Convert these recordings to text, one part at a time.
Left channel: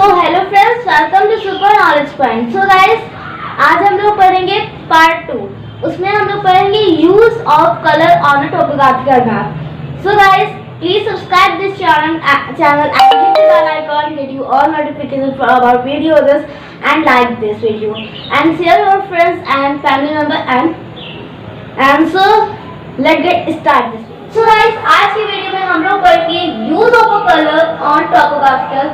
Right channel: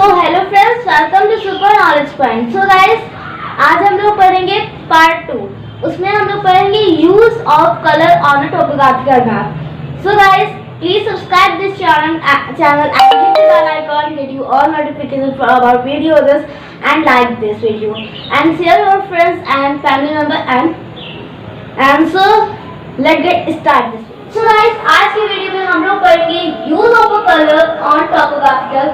So hello friends, welcome to super knowledge point. So guys, आज हम लोग पढ़ेंगे पार्ट 2। उसमें हम लोग पढ़ेंगे use of colour on a topographical map. So guys, please subscribe this channel and hit the bell icon, get you all notifications for our videos and like this video and share your friends and family member and so let's get start this video. So guys, आज की video में हम लोग पढ़ेंगे use of a colour on topographical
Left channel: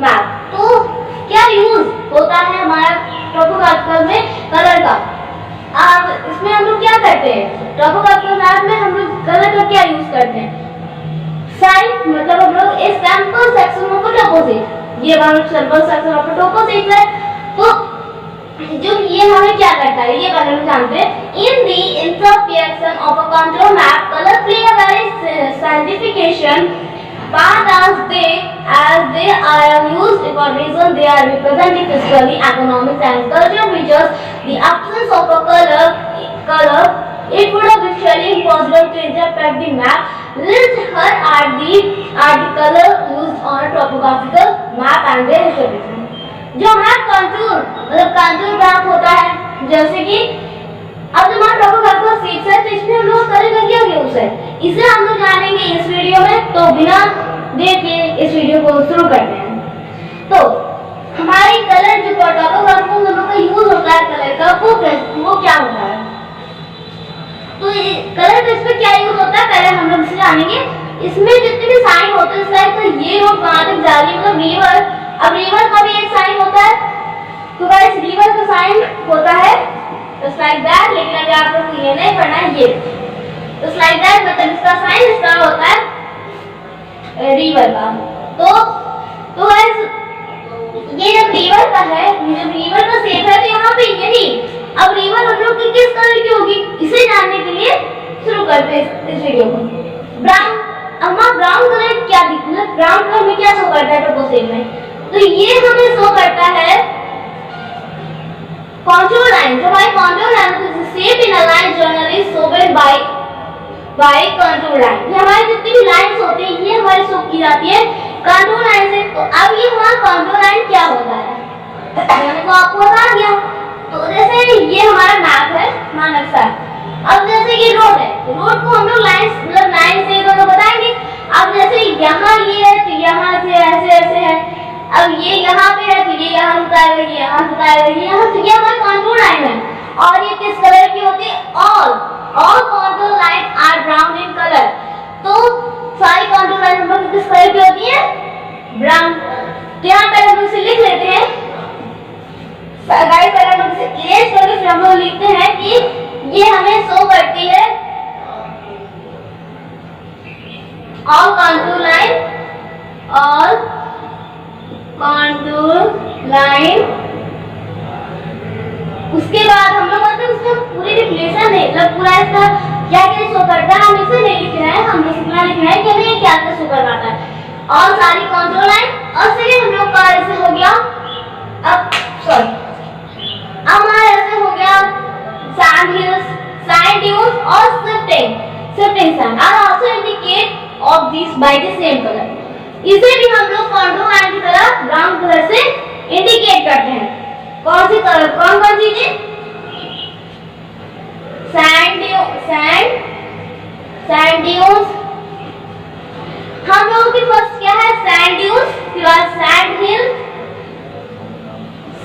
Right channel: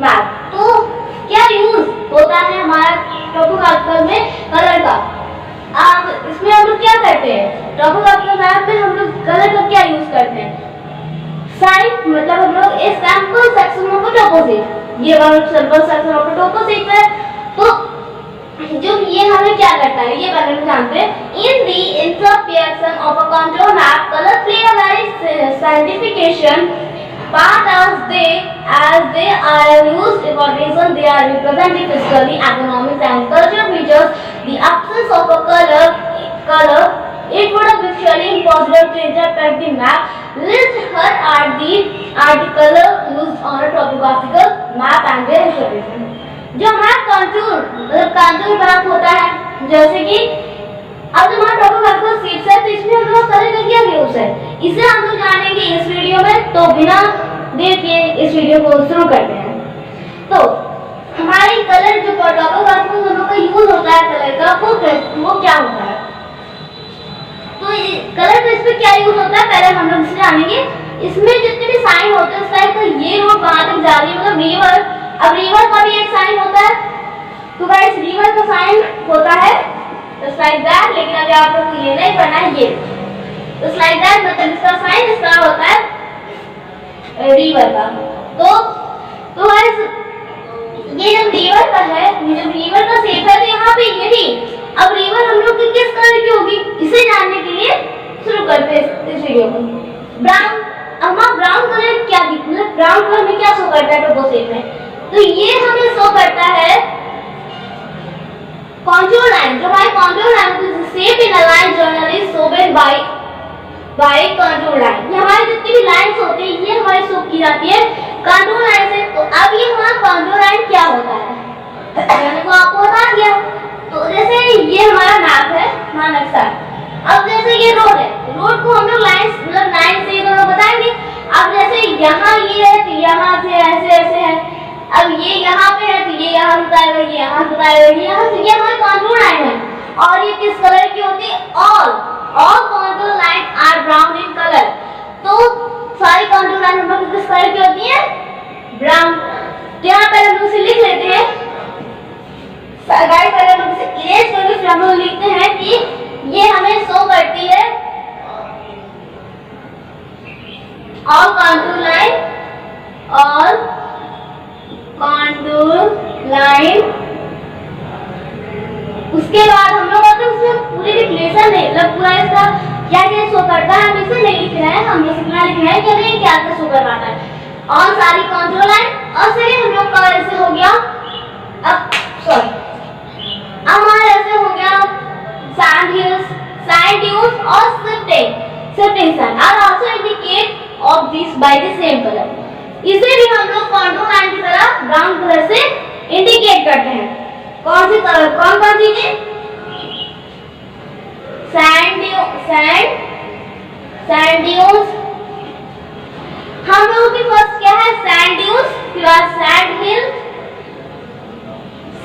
map. तो क्या use होता है हमारा टोपोग्राफिकल में कलर का? अब इसमें हम लोग क्या करते हैं, टोपोग्राफिकल मैप में हम लोग कलर का क्या यूज करते हैं? साइड मतलब हम लोग ए सैंपल सेक्शन ऑफ टोपोसिट, ये वाला सैंपल सेक्शन ऑफ टोपोसिट है। तो जो ये हमें क्या करता है ये पहले हम जानते हैं। In the interpretation of a control map, colour play a very साइंटिफिकेशन part as they are used for reason they are representing physically, economic and cultural features. The absence of a color it would have been surely impossible to interpret the map. Let's here are the color used on a topographical map and their interpretation. जो हमारा contour मतलब contour map होता है, जैसे कि अब जो हमारा टोपोग्राफिकल शीट्स है तो इसमें हम लोग कलर का क्या यूज है इसे हम लोग जानेंगे इस वीडियो में। तो बिना देर के इस वीडियो को शुरू करते हैं। तो हमारी कलर जो टोपोग्राफिकल हम लोग का यूज होता है कलर का वो क्या होता है? तो कलर का इसमें क्या यूज होता है पहले हम लोग इसे जानेंगे। इसमें जितने भी साइन होते हैं लाइक तो ये रोड वहां तक जा रही है मतलब रिवर। अब रिवर का भी एक साइन होता है, तो गाइस रिवर का साइन होता है just like that, लेकिन अभी आप लोग को ये नहीं पढ़ना है। ये just like that मतलब इसका साइन इसका होता है रिवर का। तो गाइस ये जब रिवर का है, ये जब रिवर का शेप है तो यहाँ पे यही अब रिवर हम लोग की किस कलर की होगी इसे जानने के लिए शुरू करते हैं इस वीडियो को। ब्राउन। हमारा ब्राउन कलर क्या मतलब ब्राउन कलर में क्या शो करता है टोपोसेट में? तो ये हमें शो करता है contour line। जो हमारी contour line is shape in a line generally shown by contour line। ये हमारी जितनी भी लाइंस होती है ये हमारी शो की जाती है contour line से। तो अब ये हमारा contour line क्या होता है मैंने को आपको बता दिया। तो जैसे ये हमारा मैप है, हमारा नक्शा। अब जैसे ये रोड है, रोड को हम लोग लाइन मतलब लाइन से तो लोग बताएंगे। अब जैसे यहाँ ये है तो यहाँ से ऐसे ऐसे है, अब ये यहाँ पे है तो ये यहाँ बताएगा, ये यहाँ बताएगा, ये यहाँ। तो ये हमारी कंटूर लाइन है और ये किस कलर की होती है? All contour line are brown in colour. तो सारी कंटूर लाइन हम लोग किस कलर की होती है? ब्राउन। तो यहाँ पहले हम लोग इसे लिख लेते हैं गाइस। पहले हम लोग इसे इरेज करके फिर हम लोग लिखते हैं कि ये हमें शो करती है all contour line, all contour line. उसके बाद हम लोग उसमें पूरी डिफिनेशन नहीं मतलब पूरा इसका क्या क्या शो करता है हम इसे नहीं लिख रहे हैं, हम बस इतना लिख रहे हैं कि हमें क्या क्या शो करवाता है और सारी कंट्रोल लाइन। और सेकंड हम लोग का ऐसे हो गया अब हमारा ऐसे हो गया सैंड हिल्स, सैंड ड्यून्स और shifting sand are also indicate of this by the same colour. इसे भी हम लोग कंट्रोल लाइन की तरह ब्राउन कलर से इंडिकेट करते हैं। कौन सी कलर कौन चीजें? Sand dunes. हम लोगों के पास क्या है? सैंड ड्यून्स, फिर बाद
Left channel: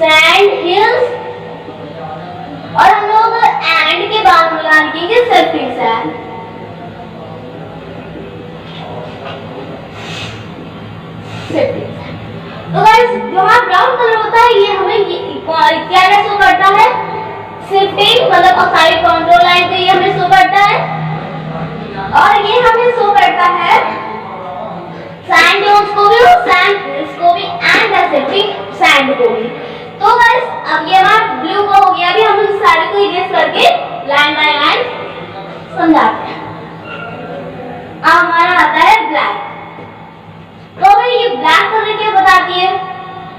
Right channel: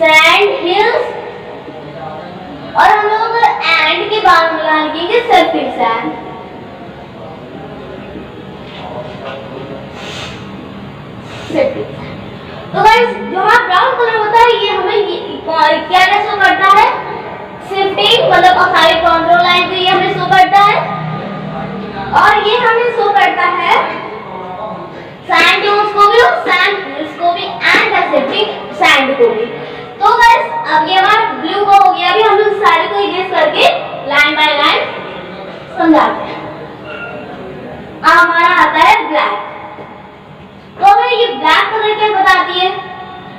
सैंड हिल्स और हम लोग एंड के बाद मिला लिखेंगे शिफ्टिंग सैंड। तो गाइस जो हमारा ब्राउन कलर होता है ये हमें क्या क्या शो करता है? शिफ्टिंग मतलब और सारी कंट्रोल लाइन को ये हमें शो करता है और ये हमें शो करता है सैंड ड्यून्स को भी और सैंड हिल्स को भी एंड शिफ्टिंग सैंड को भी। तो गाइस अब ये हमारा ब्लू का हो गया। अभी हम लोग सारे को इरेज करके लाइन बाय लाइन समझाते हैं। अब हमारा आता है ब्लैक। तो हमें ये ब्लैक कलर क्या बताती है?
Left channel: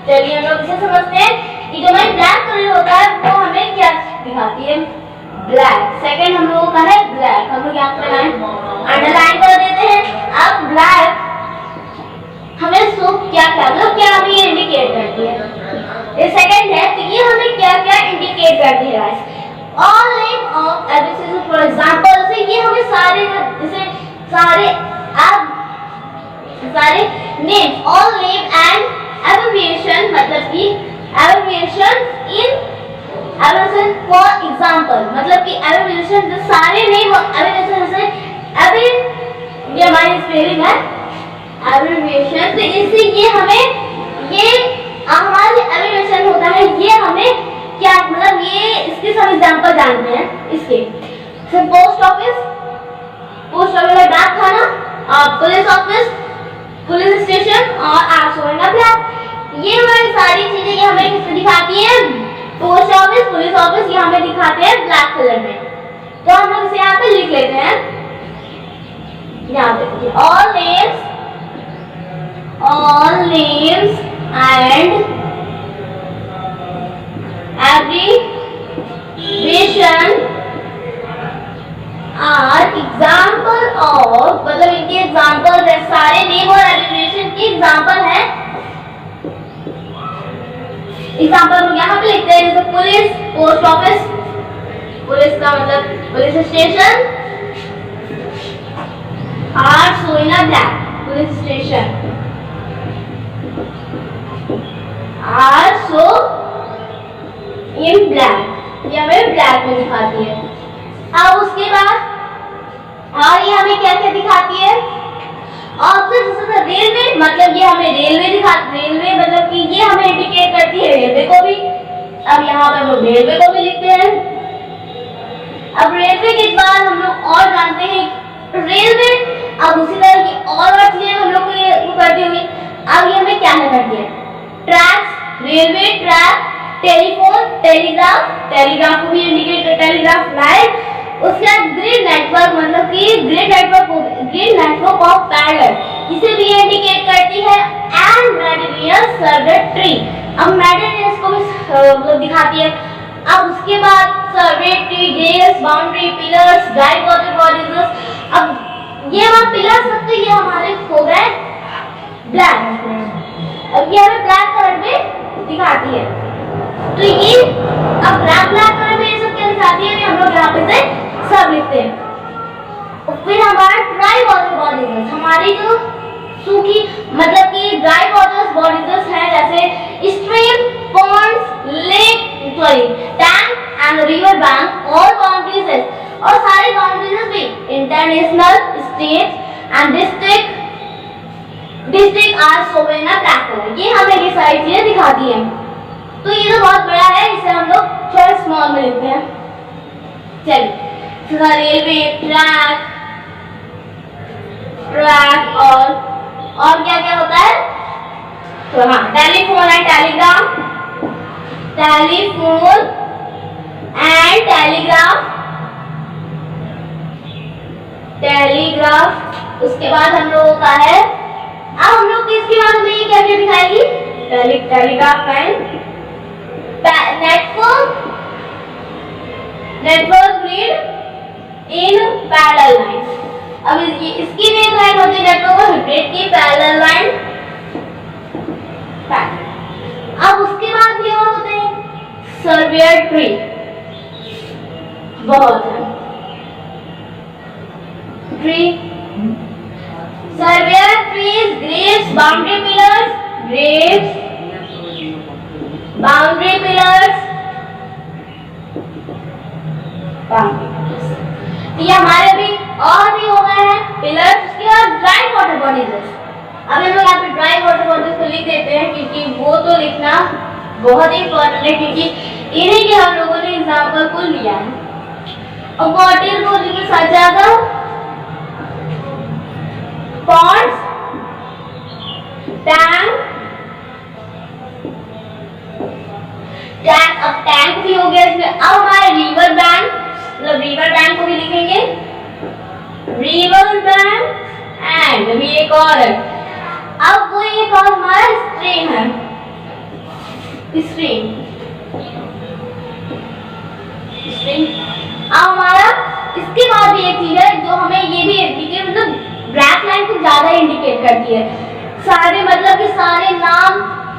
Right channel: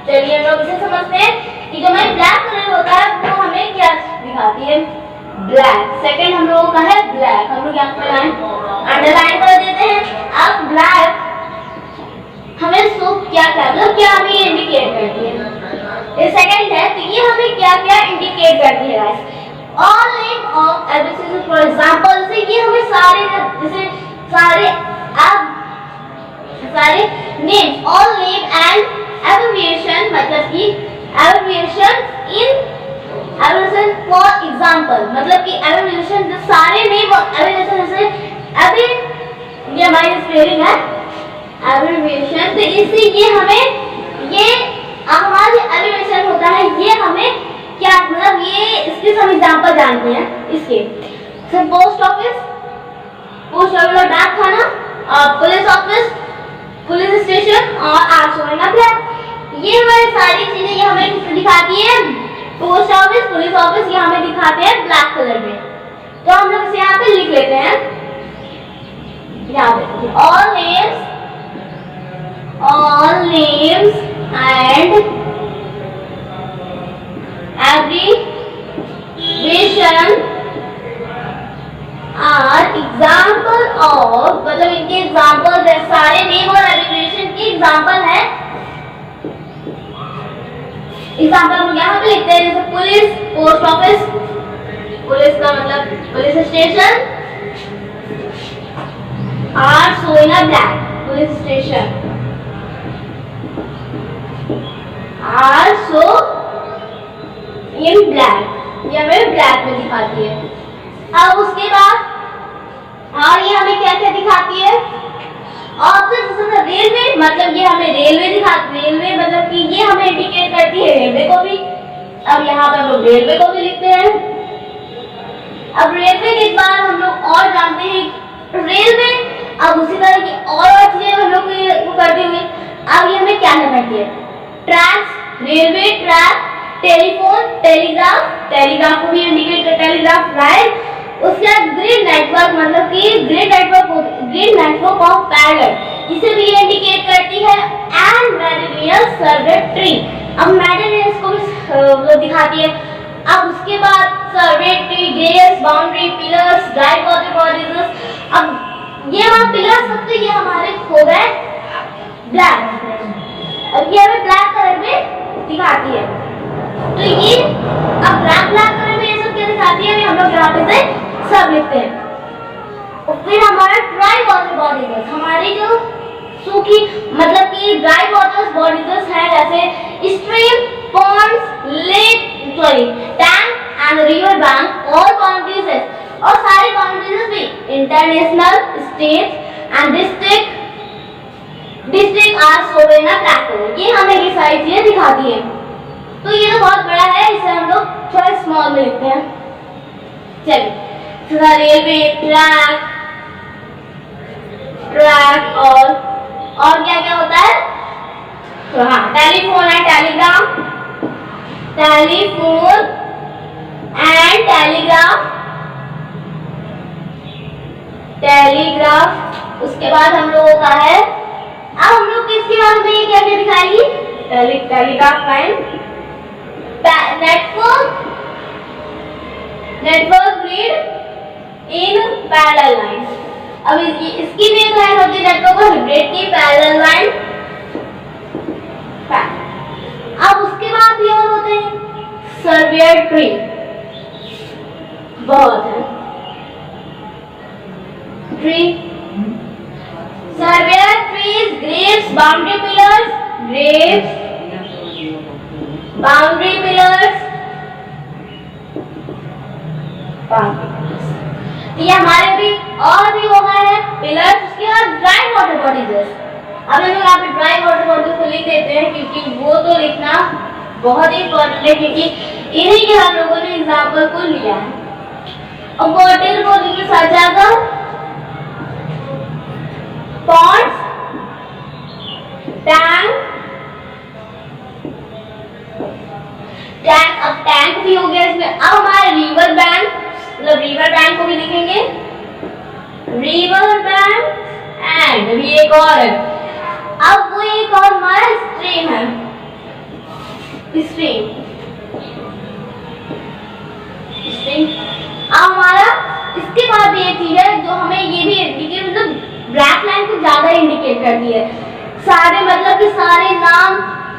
चलिए हम लोग इसे समझते हैं कि जो हमारी ब्लैक कलर होता है वो हमें क्या दिखाती है? ब्लैक। सेकंड हम लोगों का है ब्लैक, हम लोग यहाँ पे लाइन अंडरलाइन कर देते हैं। अब ब्लैक हमें क्या मतलब क्या हमें ये इंडिकेट सेकंड है, तो ये हमें क्या क्या इंडिकेट करती है guys? All name of abbreviation, for example से ये हमें सारे जैसे सारे name, all name and abbreviation, मतलब कि एब्रिविएशन फॉर एग्जांपल, मतलब कि एब्रिविएशन जो सारे नेम और एब्रिविएशन जैसे ये हमारी स्पेलिंग है एब्रिविएशन, तो इससे ये हमारा एब्रिविएशन होता है, ये हमें क्या मतलब ये इसके सब एग्जांपल जानते हैं इसके। पोस्ट ऑफिस मतलब डाक खाना, पुलिस ऑफिस, पुलिस स्टेशन और आर्ट्स ब्लैक, ये हमारी सारी चीजें ये हमें किससे दिखाती है? पोस्ट ऑफिस, पुलिस ऑफिस, ये हमें दिखाते हैं ब्लैक कलर में। तो हम लोग इसे यहाँ पे लिख लेते हैं, यहाँ पे देखिए all names and abbreviation are example of, मतलब इनके एग्जाम्पल है, सारे नेम और एब्रिविएशन के एग्जाम्पल है। एग्जाम्पल हम यहाँ पे लिखते हैं, जैसे पुलिस, पोस्ट ऑफिस, पुलिस का मतलब police station, arts black, police station, arts इन ब्लैक, ये हमें ब्लैक में दिखाती है। अब उसके बाद और ये हमें क्या क्या दिखाती है? ऑप्शन रेलवे, मतलब ये हमें रेलवे दिखाती, रेलवे मतलब कि ये हमें इंडिकेट करती है रेलवे को भी। अब यहाँ पर हम लोग रेलवे को भी लिखते हैं। अब रेलवे के बाद हम लोग और जानते हैं रेलवे, अब उसी तरह की और चीजें हम लोग को करती हुई। अब ये हमें क्या करती है? Tracks, railway track, telephone, telegraph को भी इंडिकेट कर, टेलीग्राफ लाइन। उसके बाद ग्रिड नेटवर्क, मतलब कि ग्रिड नेटवर्क ऑफ पैरेलल, इसे भी इंडिकेट करती है। एंड मेरिडियन सर्वे ट्री, अब मेरिडियन को भी मतलब दिखाती है। अब उसके बाद survey tree, gales, boundary, pillars, dry water bodies. अब ये हमारे पिलर्स सब तो ये हमारे हो गए ब्लैक, अब ये हमें ब्लैक कलर में दिखाती है। तो ये अब ब्लैक कलर में ये सब क्या दिखाती है, हम लोग यहाँ पे से सब लिखते हैं। और फिर हमारा ड्राई वाटर बॉडीज, हमारी जो सूखी मतलब कि ड्राई वाटर बॉडीज है, जैसे stream, ponds, lake, tank and river bank, all boundaries, और सारी बाउंड्रीज भी international, state and district are shown in black colour. ये हमें ये सारी चीजें दिखाती है। तो ये तो बहुत बड़ा है, इसे हम लोग थोड़ा स्मॉल में लिखते हैं। चलिए, रेलवे ट्रैक और क्या क्या होता है? तो हाँ, telephone and Telegram, telephone and telegraph. उसके बाद हम लोगों का है, अब हम लोग किसके बाद में ये क्या क्या दिखाएगी? Telegraph line, network grid in parallel line. अब इसकी भी एक लाइन होती है नेटवर्क और ग्रिड की पैरेलल लाइन। अब उसके बाद भी और होते हैं सर्वेयर ट्री, बहुत है tree, surveyor trees, graves, boundary pillars, Graves, boundary pillars, ये हमारे अभी और भी हो गए हैं पिलर्स। उसके बाद ड्राई वाटर बॉडीज, अब हम लोग यहाँ पे ड्राई वाटर बॉडीज को लिख देते हैं, क्योंकि वो तो लिखना बहुत इंपॉर्टेंट है, क्योंकि इन्हीं के हम लोगों ने एग्जाम्पल को लिया है। अब वाटर बॉडी के साथ जाएगा पॉन्ड्स, टैंक, अब टैंक भी हो गया इसमें। अब हमारे रिवर बैंक, मतलब रिवर बैंक को भी लिखेंगे, रिवर बैंक एंड अभी एक और है, अब वो एक और हमारा स्ट्रीम है, स्ट्रीम। अब हमारा इसके बाद भी एक चीज है जो हमें ये भी इंडिकेट, मतलब ब्लैक लाइन को ज्यादा इंडिकेट करती है। सारे मतलब कि सारे नाम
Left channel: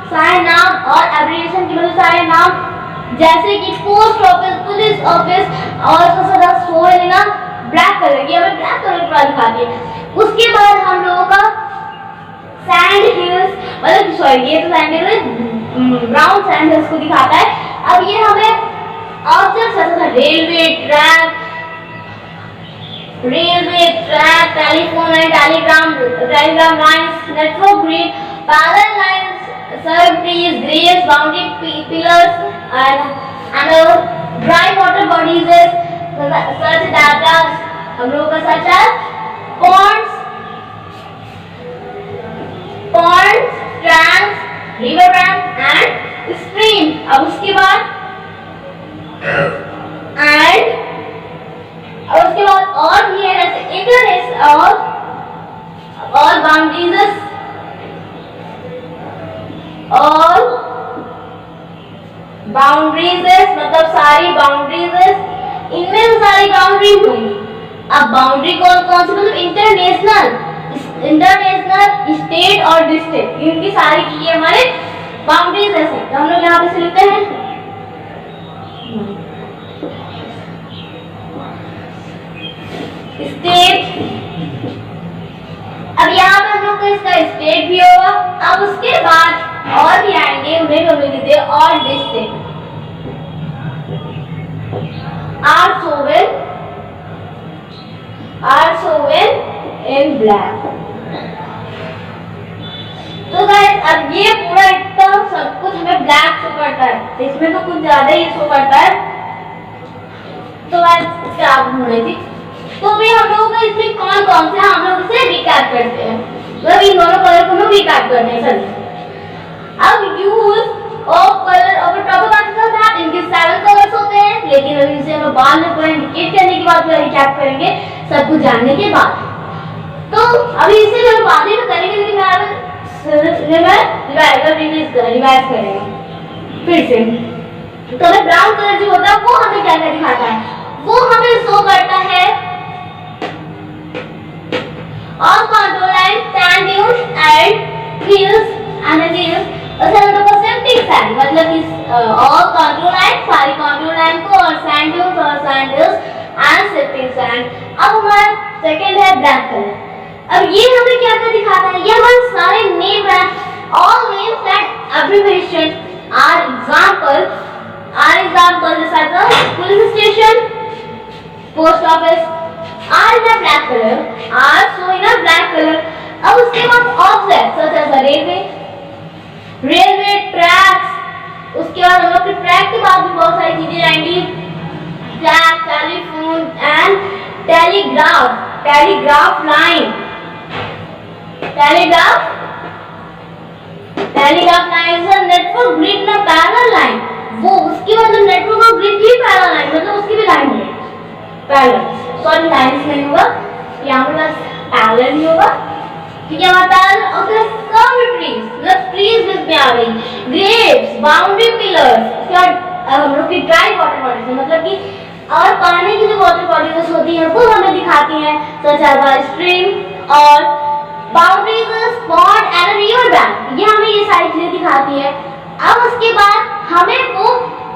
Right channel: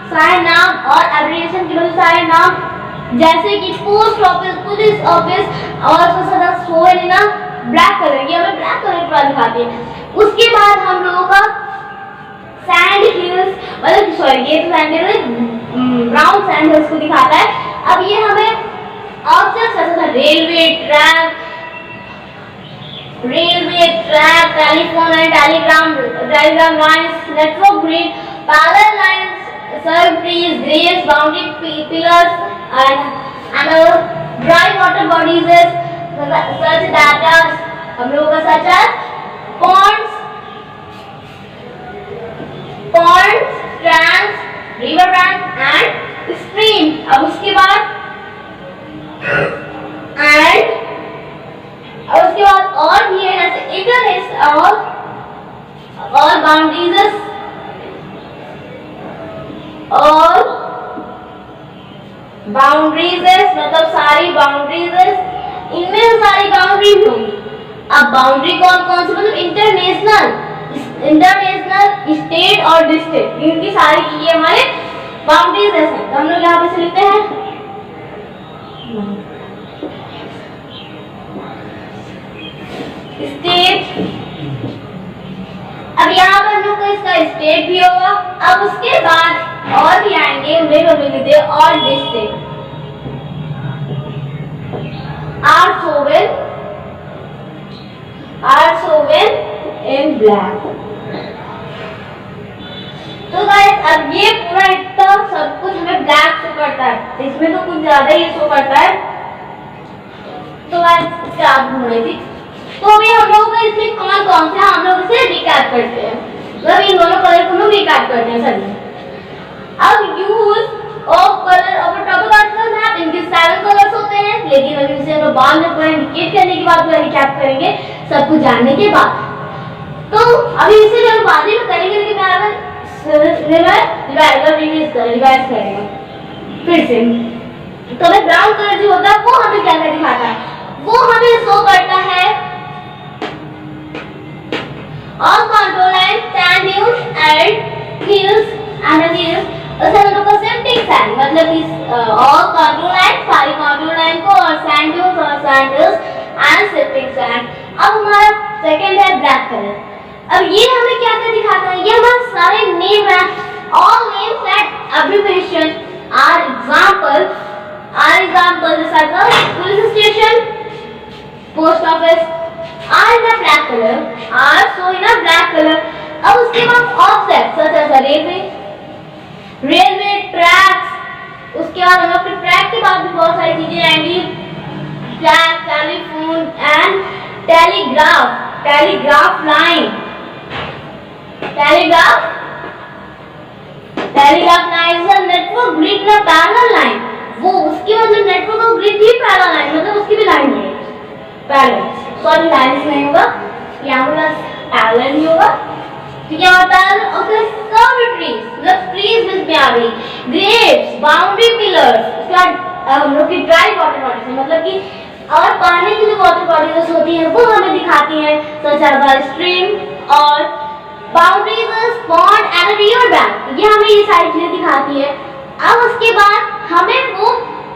सारे नाम और एब्रिविएशन की वजह से सारे नाम, जैसे कि पोस्ट ऑफिस, पुलिस ऑफिस और वो है ना ब्लैक कलर, ये हमें ब्लैक कलर पूरा दिखाती है। उसके बाद हम लोगों का सैंड हिल्स, मतलब सॉरी ये तो sand hills, brown sand hills को दिखाता है। अब ये हमें ऑब्जेक्ट्स जैसे railway track, telephone and telegram lines, network grid, parallel lines, survey trees, graves, boundary pillars and dry water bodies, such data हम लोगों का सच है ponds, tanks, river bank and stream. अब उसके बाद और भी है जैसे इंटरनेट और बाउंड्रीज मतलब सारी बाउंड्रीज, इनमें से सारी बाउंड्रीज होंगी। अब बाउंड्री कौन कौन सी, मतलब इंटरनेशनल, स्टेट और डिस्ट्रिक्ट, इनकी सारी की ये हमारे बाउंड्रीज है। तो हम लोग यहाँ पे से लिखते हैं स्टेट। अब यहाँ पे हम लोग का इसका स्टेट भी होगा। अब उसके बाद और भी आएंगे, उन्हें हम लिखते हैं और district. Are shown in black. तो गाइस अब ये पूरा इतना सब कुछ हमें ब्लैक शो करता है, तो इसमें तो कुछ ज्यादा ही शो करता है। तो गाइस क्या ढूंढ रही थी, तो अभी हम लोगों का इसमें कौन कौन से हम लोग इसे रिकैप करते हैं, मतलब इन दोनों कलर को हम लोग रिकैप करते हैं सर। अब use of colour of topographical map, इनके 7 कलर्स होते हैं, लेकिन अभी इसे हम बाद में पूरा इंडिकेट करने के बाद पूरा रिकैप करेंगे सब कुछ जानने के बाद। तो अभी इसे भी हम बाद में करेंगे, लेकिन रिवाइज करेंगे फिर से। तो हमें ब्राउन कलर जो होता है वो हमें क्या क्या दिखाता है, वो हमें शो करता है all control line, sand dunes and hills sifting sand, मतलब इस ऑल कंट्रोल लाइन, सारी कंट्रोल लाइन को, और सैंड ड्यून्स और sand hills and sifting sand. अब हमारा सेकंड है ब्लैक कलर। अब ये हमें क्या क्या दिखाता है, ये हमारे सारे नेम है, all names and abbreviation are example जैसा police station, post office are in a black color, are so in a black color। अब उसके बाद object such as railway tracks, उसके बाद हम लोग के ट्रैक के बाद भी बहुत सारी चीजें आएंगी, track, telephone and telegraph line, telegraph line is network grid ना पैरेलल लाइन, वो उसकी मतलब नेटवर्क और ग्रिड भी पैरेलल लाइन, मतलब उसकी भी लाइन होगी पैरेलल, सॉरी लाइन्स नहीं होगा, यहाँ पे बस पैरेलल ही होगा, ठीक है। हमारा पैरेलल और सर्व ट्रीज, मतलब ट्रीज में आ गई, ग्रेव्स, बाउंड्री पिलर्स, उसके बाद हम लोग की ड्राई वाटर बॉडीज, मतलब कि और पानी की जो वाटर बॉडीज होती हैं वो हमें दिखाती हैं, सच एज स्ट्रीम और boundaries, pond and river bank, ये हमें ये सारी चीजें दिखाती है। अब उसके बाद हमें वो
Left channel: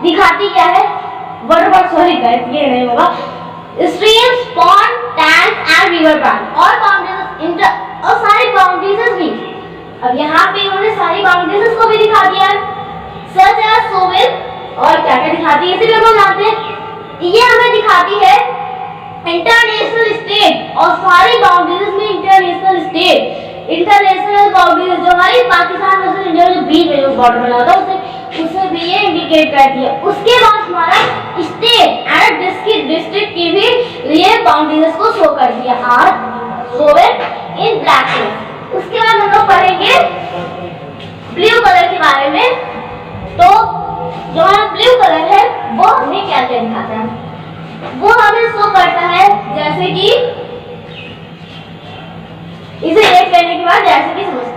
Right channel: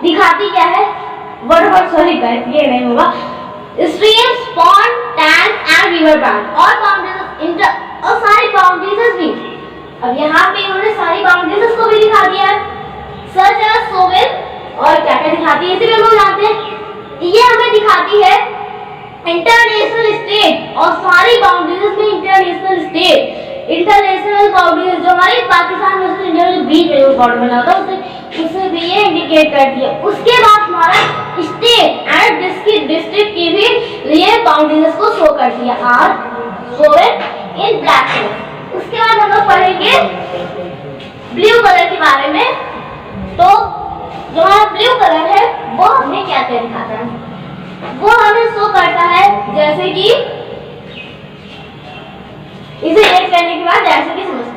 दिखाती क्या है, सॉरी गाइस ये नहीं होगा, streams, pond, tank and river bank और बाउंड्रीज और सारी बाउंड्रीज भी। अब यहाँ पे इन्होंने सारी बाउंड्रीज को भी दिखा दिया है, सच एज सोवेल, और क्या क्या दिखाती है इसे भी हम लोग जानते हैं। ये हमें दिखाती है इंटरनेशनल स्टेट, और सारी बाउंड्रीज में इंटरनेशनल बाउंड्रीज जो हमारी पाकिस्तान और इंडिया के बीच में जो बॉर्डर बना होता है उसे भी ये इंडिकेट करती है। उसके बाद हमारा स्टेट एंड डिस्ट्रिक्ट की भी ये बाउंड्रीज को शो करती है, are shown in black colour. उसके बाद हम लोग पढ़ेंगे ब्लू कलर के बारे में। तो जो हमारा ब्लू कलर है वो हमें क्या क्या दिखाता है, वो हमें शो करता है जैसे कि इसे एक करने के बाद जैसे कि समझते हैं।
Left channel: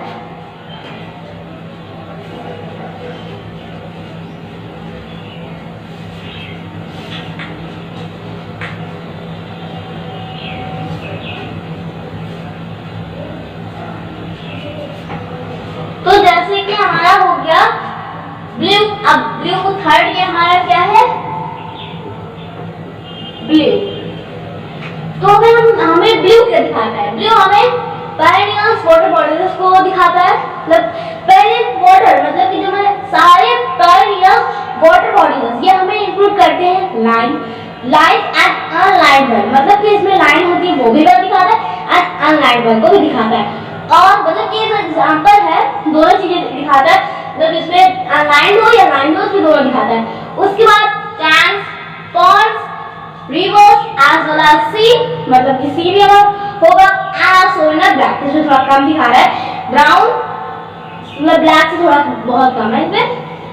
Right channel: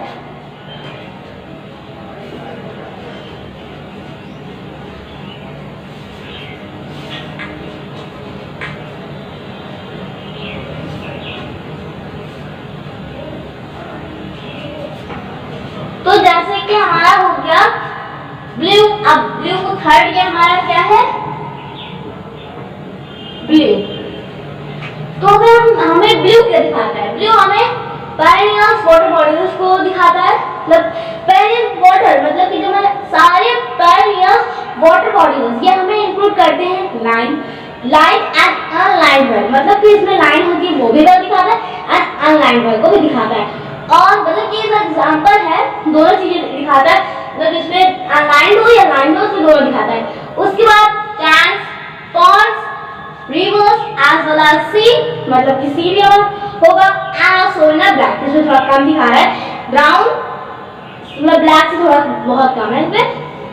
तो जैसे कि हमारा हो गया लाइक एंड अनलाइंड वेल, मतलब कि इसमें लाइन होती है वो भी वेल दिखाता है एंड अनलाइंड वेल को भी दिखाता है। और मतलब कि एक एग्जांपल है, दोनों चीजें दिखाता है, मतलब इसमें अनलाइंड हो या लाइन हो उसमें दोनों दिखाता है। उसके बाद tanks, ponds, rivers as well as sea, मतलब कि सी भी हमारा होगा एज सोन ब्लैक, इसमें थोड़ा कम दिखा रहा है, ब्राउन मतलब ब्लैक से थोड़ा बहुत कम है इसमें,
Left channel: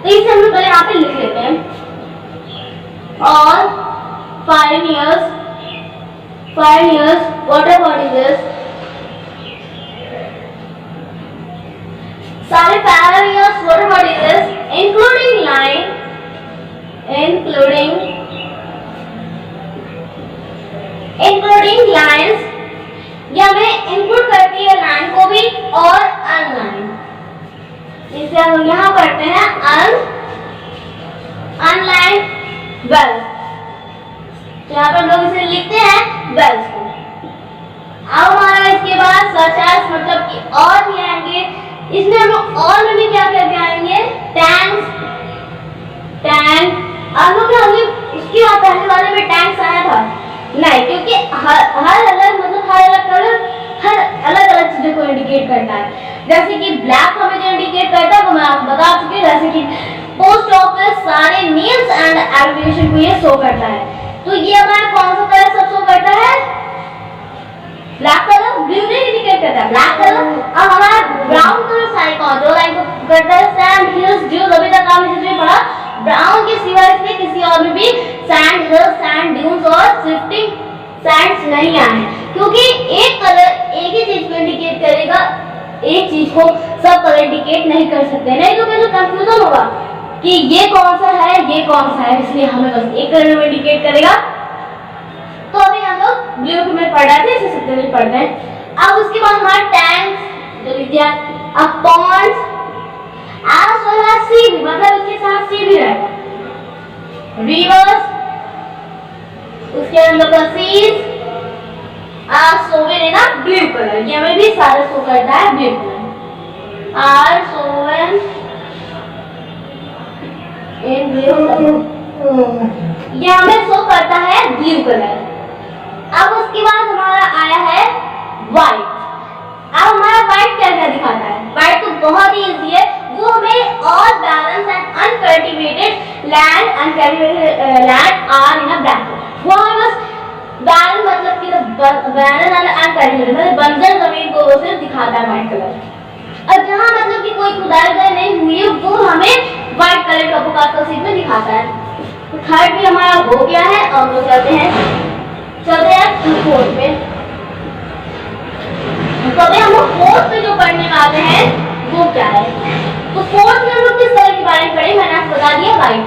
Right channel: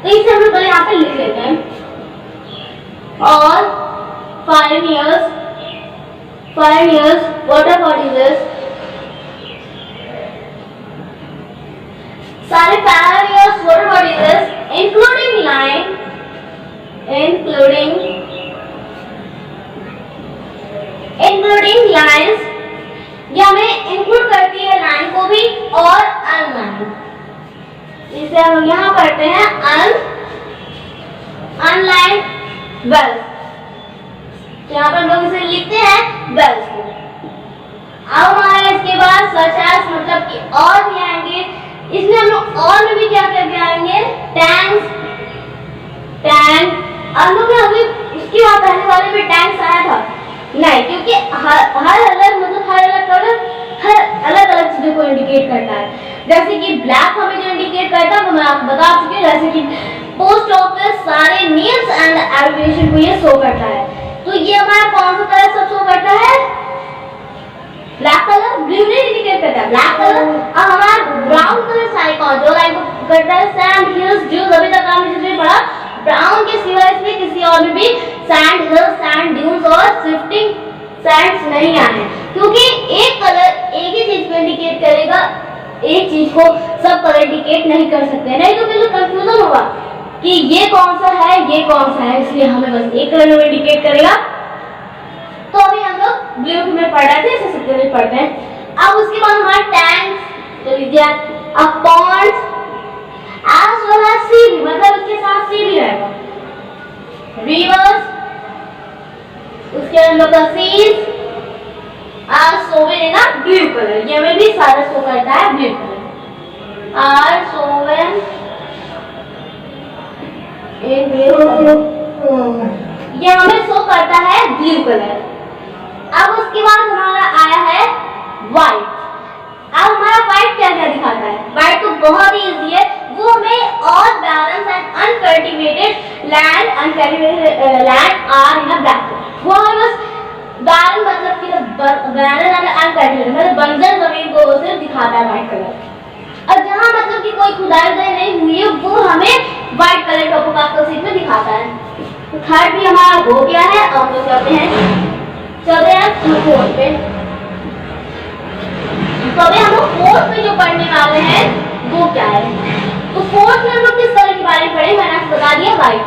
तो इसे हम लोग पहले यहाँ पे लिख लेते हैं। और pioneers, what is this? सारे pioneers, what is this? Including line, including lines, ये हमें इंक्लूड करती है लाइन को भी और अनलाइन, इसे हम यहाँ पढ़ते हैं अनलाइन वेल्स, तो यहाँ पर हम लोग इसे लिखते हैं वेल्स को। अब हमारा इसके बाद सच एज, मतलब कि और भी आएंगे, इसमें हम लोग और में भी क्या करके आएंगे, टैंक्स, टैंक। अब लोग हमने उसकी बात पहले वाले में टैंक्स आया था नहीं, क्योंकि हर अलग मतलब हर अलग कलर हर अलग अलग चीजों को इंडिकेट करता है। जैसे कि ब्लैक हमें जो इंडिकेट करता है वो मैं आपको बता चुकी हूँ, जैसे कि पोस्ट ऑफिस सारे नेम्स एंड एब्रिविएशन को ये शो करता है। तो ये हमारा कौन सा कलर सब शो करता है, ब्लैक कलर, ब्लू नहीं इंडिकेट करता है, ब्लैक कलर। अब हमारा ब्राउन कलर सारे कौन जो लाइन को करता है, सैंड, हिल्स, ड्यूज, अभी तक आपने जिसमें पढ़ा ब्राउन के सिवाय इसमें किसी और में भी सैंड, हिल्स, सैंड ड्यूज और शिफ्टिंग सैंड्स नहीं आए, क्योंकि एक कलर एक ही चीज को इंडिकेट करेगा, एक चीज को सब कलर इंडिकेट नहीं कर सकते, नहीं तो फिर तो कंफ्यूजन होगा कि ये कौन सा है ये कौन सा है, इसलिए हमें बस एक कलर में इंडिकेट करेगा। तो अभी हम लोग ब्लू में पढ़ रहे थे, इसे सबसे पढ़ते हैं। अब उसके बाद हमारा टैंक्स तो लीजिए, अब पॉन्ड्स एज वेल एज सी भी, मतलब इसके साथ सी भी रहेगा, रिवर्स, उसके अंदर का सीज सोवेन है ना ब्लू कलर, ये हमें भी सारा शो करता है blue colour, are shown in blue, ये हमें शो करता है ब्लू कलर। अब उसके बाद हमारा आया है व्हाइट। अब हमारा व्हाइट क्या क्या दिखाता है, व्हाइट तो बहुत ही इजी है, वो हमें all balance and uncultivated land, uncultivated land are in a black, वो हमें बस बैरन मतलब कि बैरन एंड अनकल्टिवेटेड मतलब बंजर जमीन को सिर्फ दिखाता है व्हाइट कलर। और जहाँ मतलब कि कोई खुदाई नहीं हुई है वो हमें व्हाइट कलर टोपोग्राफिकल शीट में दिखाता है। तो थर्ड भी हमारा हो गया है, अब हम लोग चलते हैं फोर्थ पे। तो अभी हम लोग फोर्थ में जो पढ़ने वाले हैं वो क्या है, तो फोर्थ में हम लोग किस कलर के बारे में पढ़े, मैंने आपको बता दिया व्हाइट।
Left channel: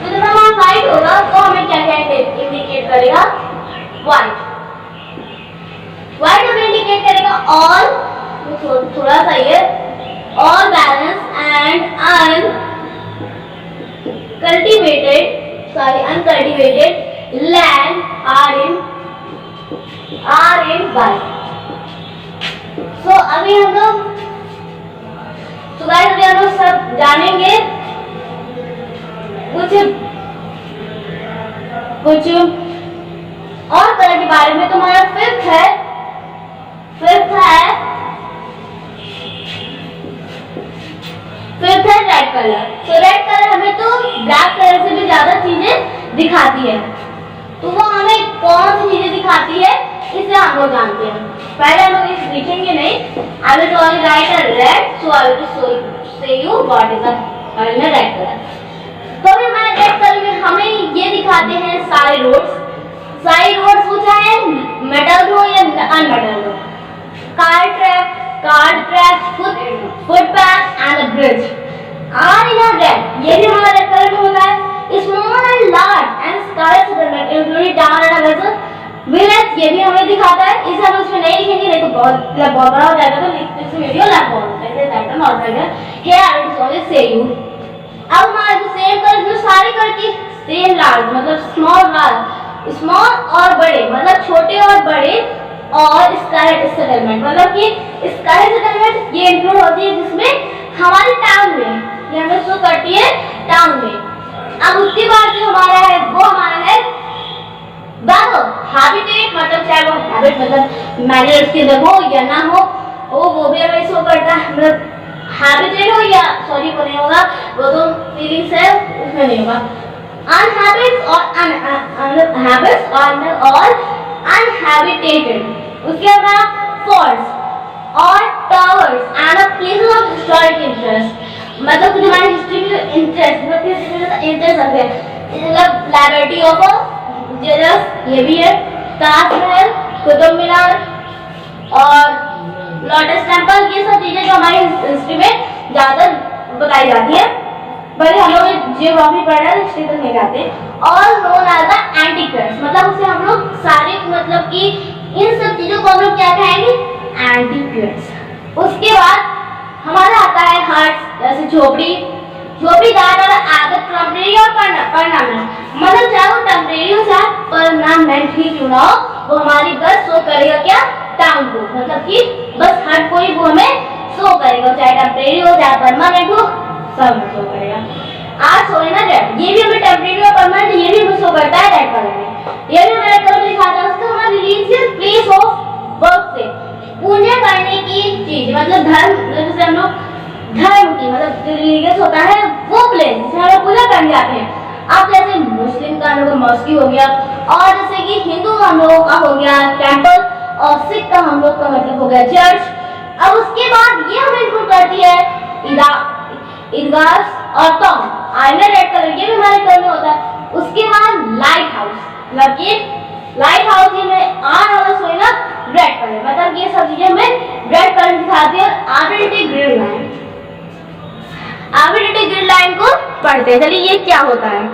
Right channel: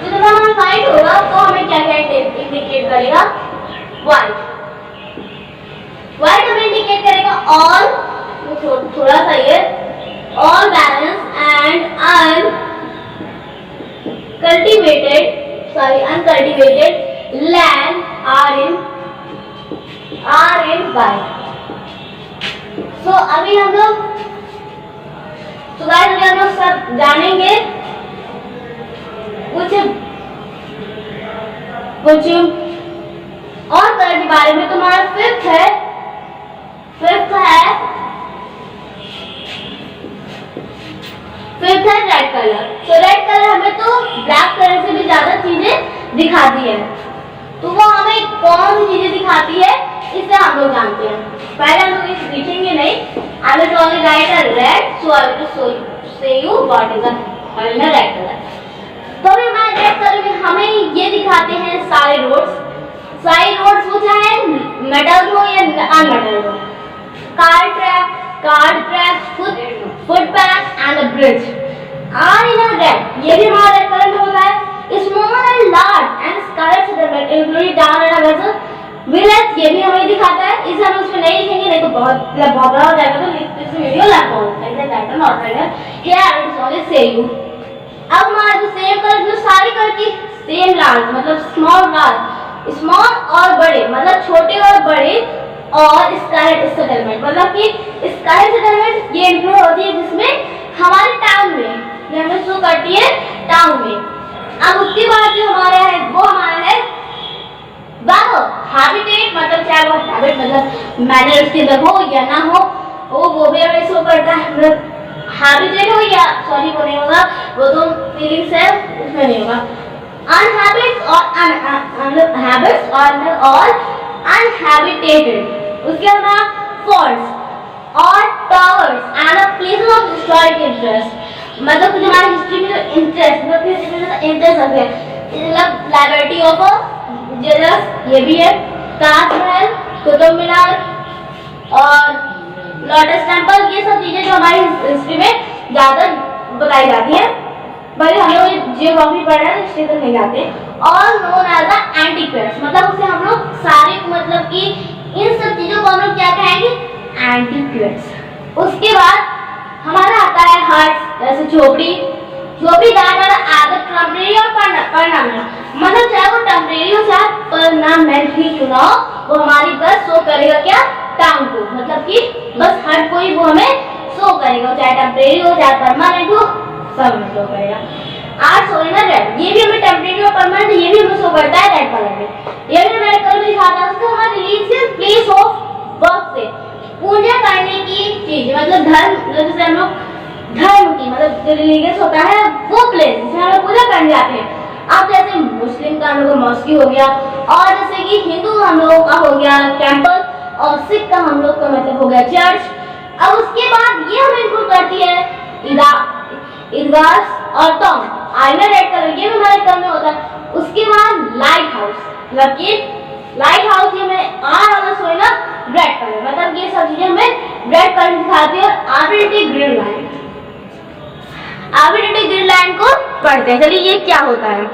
तो जब हमारा व्हाइट होगा तो हमें क्या क्या इंडिकेट करेगा, व्हाइट हमें इंडिकेट करेगा ऑल, थोड़ा सा ये all balance and uncultivated land are in white. So अभी हम लोग अभी हम लोग सब जानेंगे कुछ और कलर के बारे में। तो हमारा फिफ्थ है रेड कलर। तो रेड कलर हमें तो ब्लैक कलर से भी ज्यादा चीजें दिखाती है, तो वो हमें कौन सी चीजें दिखाती है इसे हम लोग जानते हैं। पहले हम लोग इसे लिखेंगे नहीं, I will only write a red, so I will say you what is a red color। तो अभी हमारे रेड कलर में हमें ये दिखाते हैं सारे रोड्स हो चाहे मेटल हो या अनमेटल हो, car track, footpath and bridge are in a red, ये भी हमारा रेड कलर में होता है। Small and large and sky settlement including town and village, ये भी हमें दिखाता है। इसे हम उसमें नहीं लिखेंगे, नहीं तो बहुत बड़ा हो जाएगा, तो इस वीडियो लैप अब हमारा जो सेम कलर जो सारे कलर की सेम लार्ज मतलब स्मॉल और बड़े मतलब छोटे और बड़े, और स्काई सेटलमेंट मतलब कि स्काई सेटलमेंट ये इंक्लूड होती है जिसमें हमारे टाउन में, ये हमें शो करती है टाउन में। अब उसके बाद जो हमारा है वो हमारा है verb. Habitat मतलब चाहे वो हैबिट मतलब मैनर उसके अंदर हो या ना हो, वो भी हमें शो करता है, मतलब हैबिटेट हो या सॉरी वो नहीं होगा, वो तो फीलिंग्स है उसमें नहीं होगा। अनहैबिट्स और हैबिट्स और अनहैबिटेटेड, उसके बाद फॉल्स और towers and places of historic interest, मतलब कुछ हमारी हिस्ट्री में जो इंटरेस्ट मतलब हिस्ट्री में इंटरेस्ट रखते हैं, मतलब लाइब्रेरी ऑफ जेलस ये भी है, ताजमहल, कुतुब मीनार और लोटस टेम्पल, ये सब चीजें जो हमारी हिस्ट्री में ज्यादा बताई जाती है, भले हम लोग जियोग्राफी पढ़ रहे हैं हिस्ट्री तक नहीं जाते। ऑल नोन एज द एंटीक्वेट्स, मतलब उसे हम लोग सारे मतलब कि इन सब चीजों को हम लोग क्या कहेंगे, एंटीक्वेट्स। उसके बाद हमारा आता है हर्ट्स, जैसे झोपड़ी दैट आर आदर टेम्परेरी और परमानेंट, मतलब चाहे वो टेम्परेरी हो चाहे परमानेंट ही क्यों ना हो, वो हमारी बस शो करेगा क्या, टाउन को, मतलब कि बस हर कोई वो हमें शो करेगा, चाहे टेम्परेरी हो चाहे परमानेंट हो, सब हमें शो करेगा। आज शो है ना रेड, ये भी हमें टेम्परेरी और परमानेंट ये भी हमें शो करता है रेड कलर में, ये भी हमें रेड कलर में दिखाता है। उसका हमारा रिलीजियस प्लेस ऑफ वर्क से पूजा करने की चीज, मतलब धर्म, जैसे हम लोग धर्म की मतलब जो रिलीजियस होता है वो प्लेस जिसमें हम लोग पूजा करने जाते हैं। अब जैसे मुस्लिम का हम लोग मॉस्की हो गया, और जैसे कि हिंदू हम लोगों का हो गया टेम्पल, और सिख का हम लोग का मतलब हो गया चर्च। अब उसके बाद ये हमें इंक्लूड करती है ईदगाह और टॉम, आईना रेड कलर ये भी हमारे घर में होता है। उसके बाद लाइट हाउस, मतलब कि लाइट हाउस ये में आर वाला सोए ना रेड कलर, मतलब ये सब चीजें हमें रेड कलर दिखाती है। Arbitrary grid line, arbitrary grid line को पढ़ते हैं, चलिए ये क्या होता है।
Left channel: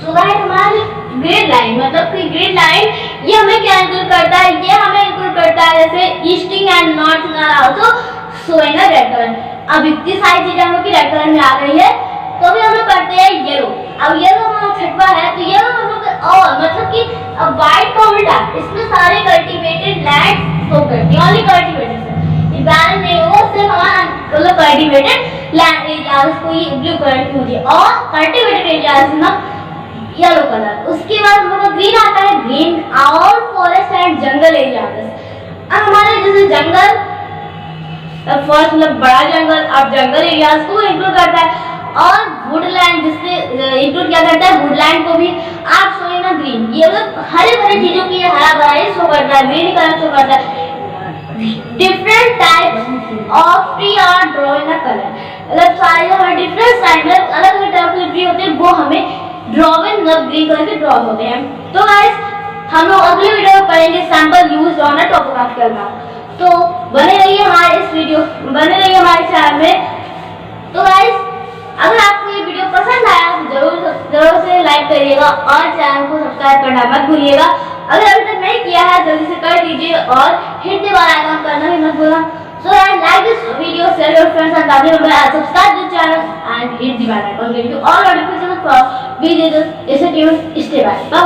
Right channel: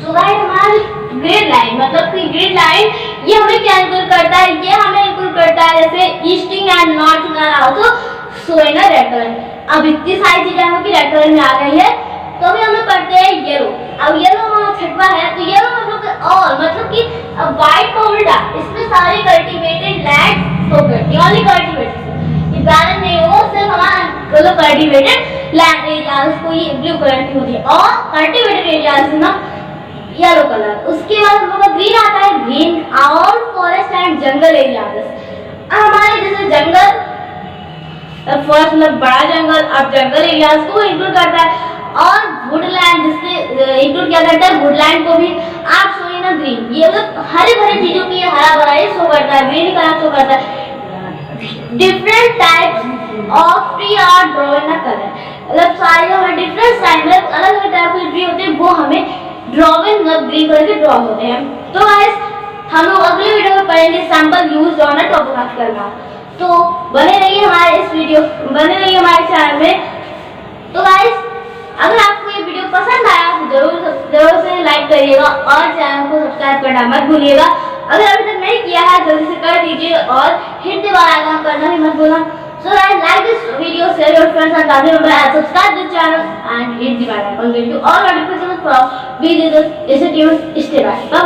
सो गाइस हमारी ग्रिड लाइन मतलब कि ग्रिड लाइन ये हमें क्या इंक्लूड करता है, ये हमें इंक्लूड करता है जैसे easting and northing are also showing a red colour. अब इतनी सारी चीजें हम लोग की रेड कलर में आ गई है, तो अभी हम लोग पढ़ते हैं येलो। अब येलो हमारा छठवा है, तो येलो हम लोग और मतलब कि व्हाइट को उल्टा, इसमें सारे कल्टीवेटेड लैंड शो करती है, ओनली कल्टीवेटेड, ये बैरन नहीं हो, सिर्फ हमारा मतलब कल्टीवेटेड लैंड एरियाज को ये ब्लू कलर की होती है, और कल्टीवेटेड एरियाज में येलो कलर। उसके बाद हम लोग का ग्रीन आता है, green all forest and jungle areas. अब हमारे जैसे जंगल फर्स्ट मतलब बड़ा जंगल, अब जंगल एरियाज को इंक्लूड करता है, और वुडलैंड जिससे इंक्लूड किया करता है वुडलैंड को भी। आप शो ना ग्रीन, ये मतलब हरे भरे चीजों की हरा भरा ये शो करता है, ग्रीन कलर शो करता है। Different types of tree are draw in a colour, मतलब सारे जो हमें डिफरेंट टाइप में अलग अलग टाइप के ट्री होते हैं वो हमें ड्रॉविंग मतलब ग्रीन कलर के ड्रॉ होते हैं। तो गाइस हम लोग अगले वीडियो में पढ़ेंगे sample used on a topographical map, तो बने रहिए हमारे इस वीडियो, बने रहिए हमारे चैनल में। तो गाइस अगर आपको ये वीडियो पसंद आया तो जरूर से लाइक करिएगा और चैनल को सब्सक्राइब करना मत भूलिएगा। अगर अभी तक नहीं किया है जल्दी से कर दीजिए और हिट द बेल आइकन करना भी मत भूलना। So guys, like this video, share your friends and family members, and subscribe this channel and hit the bell icon. Give you all notifications for videos. Stay tuned. Stay back. Bye bye.